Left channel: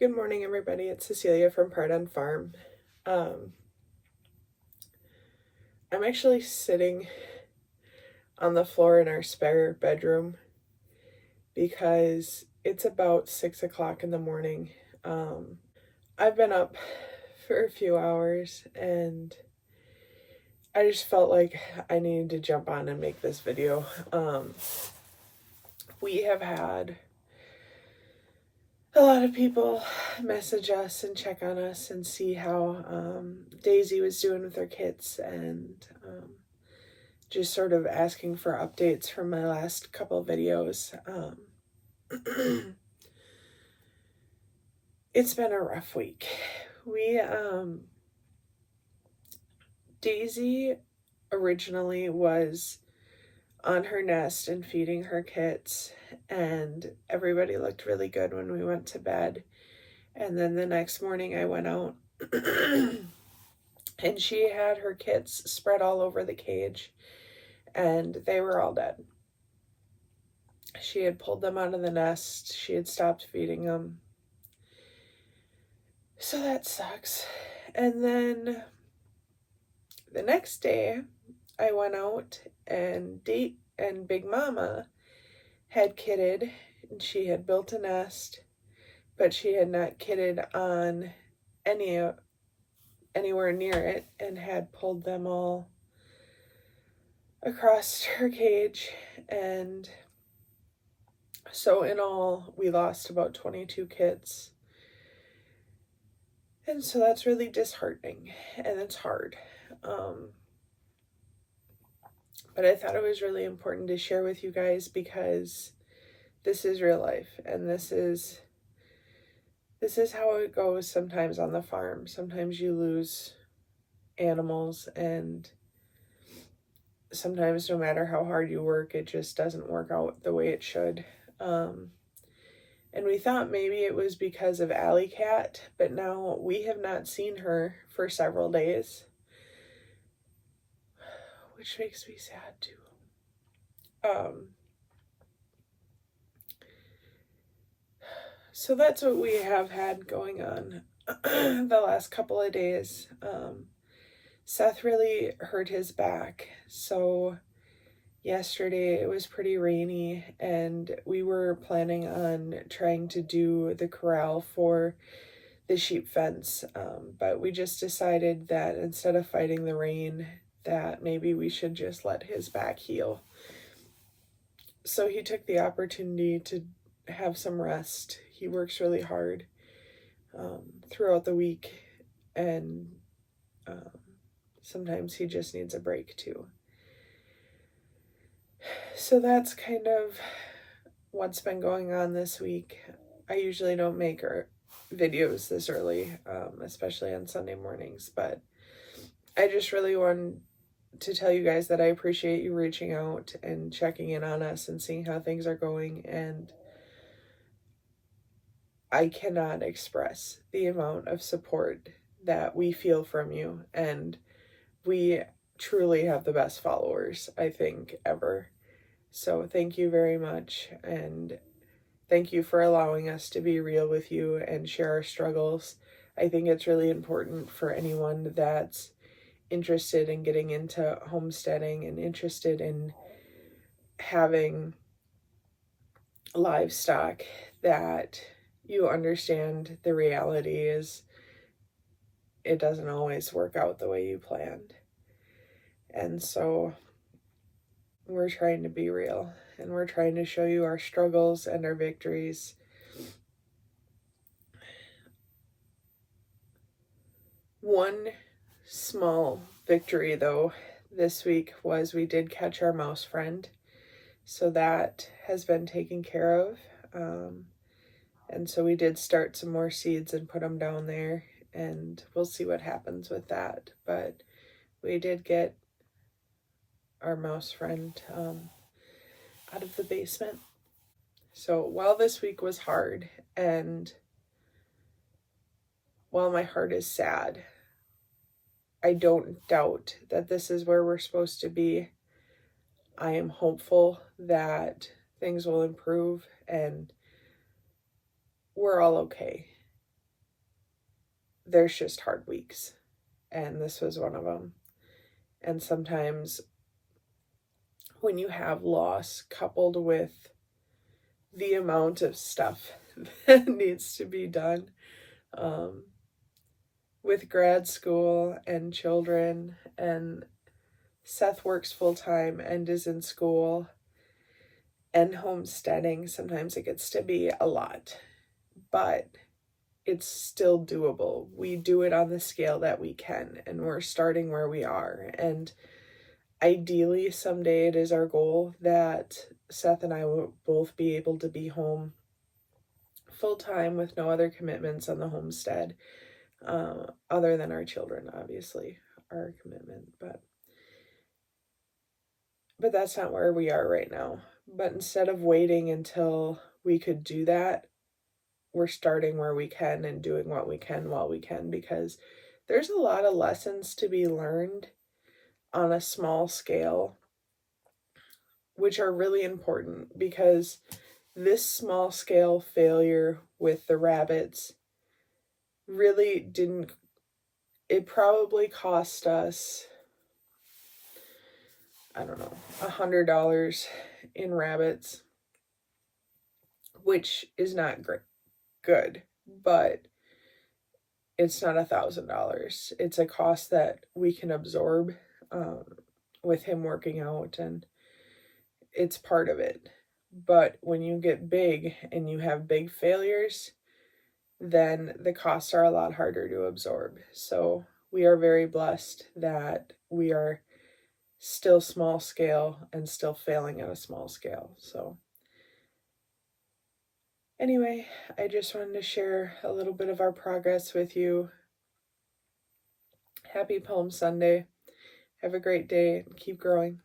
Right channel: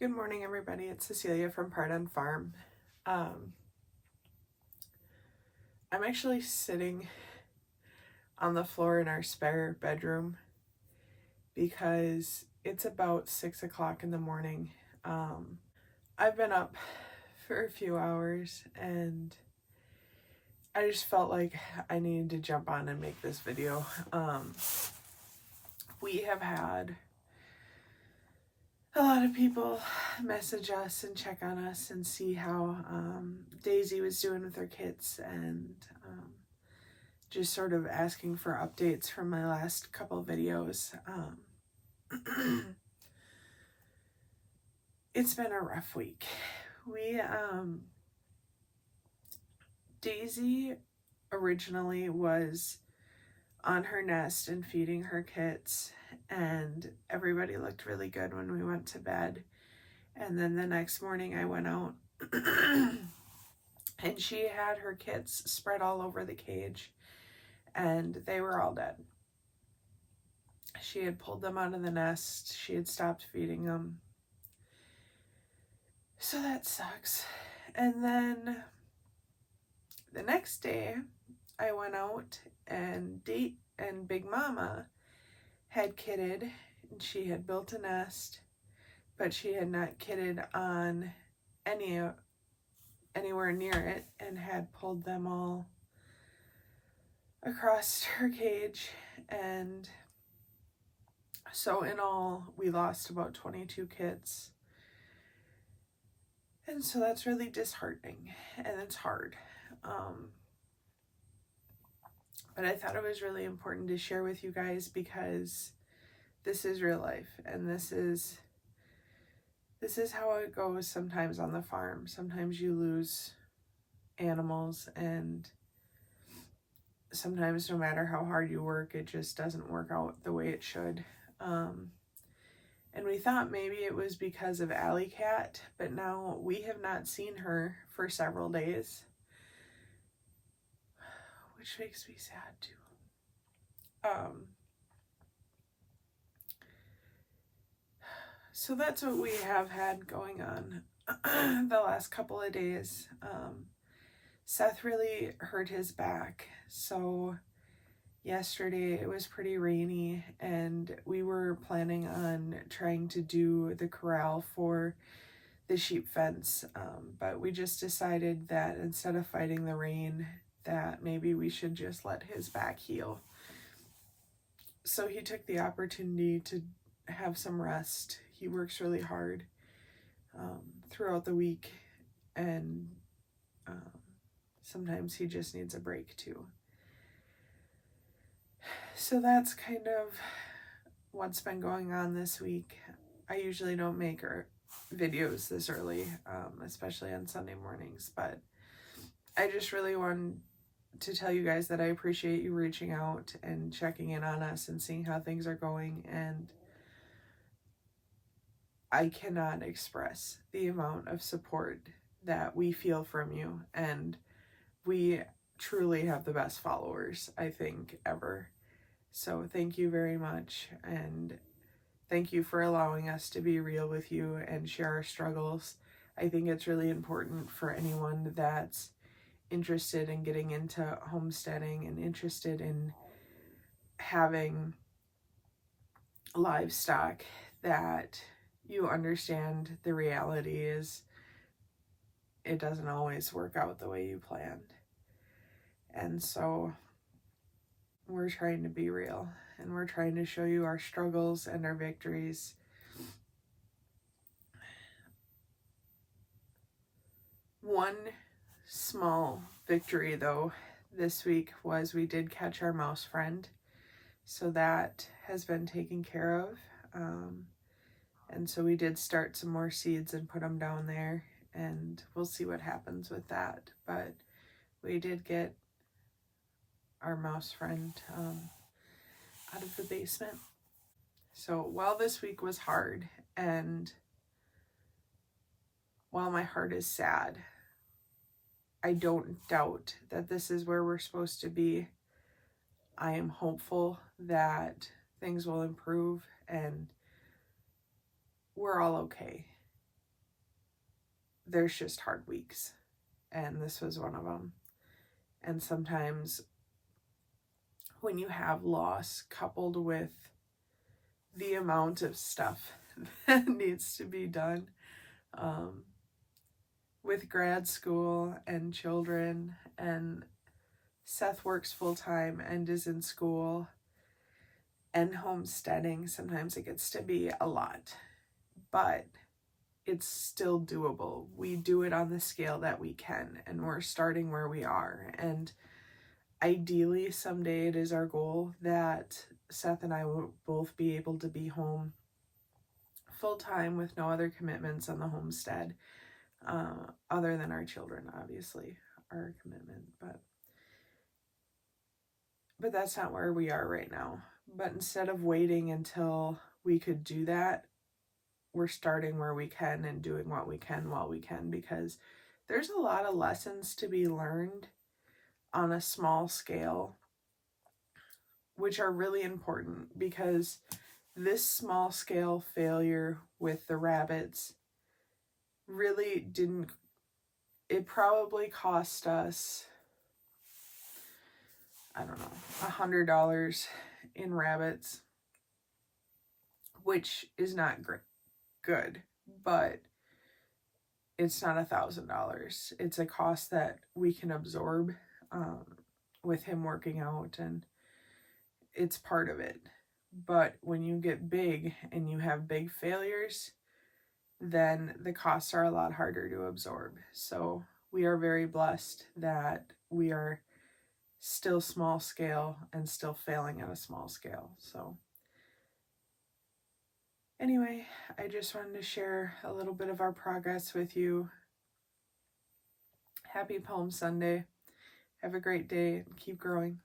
Good morning, everybody. It's Cecilia from Pardun Farm. I'm actually sitting on the floor in our spare bedroom because it's about 6 o'clock in the morning. I've been up for a few hours and I just felt like I needed to jump on and make this video. We have had a lot of people message us and check on us and see how Daisy was doing with her kits, and just sort of asking for updates from my last couple of videos. It's been a rough week. Daisy originally was on her nest and feeding her kits, and everybody looked really good when we went to bed. And then the next morning I went out and she had her kits spread all over the cage and they were all dead. She had pulled them out of the nest. She had stopped feeding them. So that sucks. And then the next day I went out and Big Mama had kitted, and she had built a nest, but she had not kitted on anywhere near it and had pulled them all across her cage. And so in all, we lost about 22 kits. And so that's really disheartening and it's hard. But I thought it was really important to share with you guys because this is real life, and this is how it goes sometimes on the farm. Sometimes you lose animals, and sometimes no matter how hard you work, it just doesn't work out the way it should. And we thought maybe it was because of Alley Cat, but now we have not seen her for several days, which makes me sad too. So that's what we have had going on the last couple of days. Seth really hurt his back, so yesterday it was pretty rainy and we were planning on trying to do the corral for the sheep fence, but we just decided that instead of fighting the rain, that maybe we should just let his back heal. So he took the opportunity to have some rest. He works really hard throughout the week, and sometimes he just needs a break too. So that's kind of what's been going on this week. I usually don't make videos this early, especially on Sunday mornings, but I just really wanted to tell you guys that I appreciate you reaching out and checking in on us and seeing how things are going, and I cannot express the amount of support that we feel from you, and we truly have the best followers, I think, ever. So thank you very much, and thank you for allowing us to be real with you and share our struggles. I think it's really important for anyone that's interested in getting into homesteading and interested in having livestock that you understand the reality is it doesn't always work out the way you planned. And so we're trying to be real, and we're trying to show you our struggles and our victories. One small victory though this week was we did catch our mouse friend, so that has been taken care of. And so we did start some more seeds and put them down there, and we'll see what happens with that. But we did get our mouse friend out of the basement. So while this week was hard, and while my heart is sad, I don't doubt that this is where we're supposed to be. I am hopeful that things will improve and we're all okay. there's just hard weeks, and this was one of them. And sometimes when you have loss coupled with the amount of stuff that needs to be done, with grad school and children, and Seth works full-time and is in school, and homesteading, sometimes it gets to be a lot, but it's still doable. We do it on the scale that we can, and we're starting where we are. And ideally, someday it is our goal that Seth and I will both be able to be home full-time with no other commitments on the homestead, other than our children, obviously, our commitment. But that's not where we are right now. But instead of waiting until we could do that, we're starting where we can and doing what we can while we can, because there's a lot of lessons to be learned on a small scale, which are really important, because this small scale failure with the rabbits really didn't, it probably cost us, I don't know, $100 in rabbits, which is not good, but it's not $1,000. It's a cost that we can absorb with him working out, and it's part of it. But when you get big and you have big failures, then the costs are a lot harder to absorb. So we are very blessed that we are still small scale and still failing at a small scale. So anyway, I just wanted to share a little bit of our progress with you. Happy Palm Sunday. Have a great day and keep growing.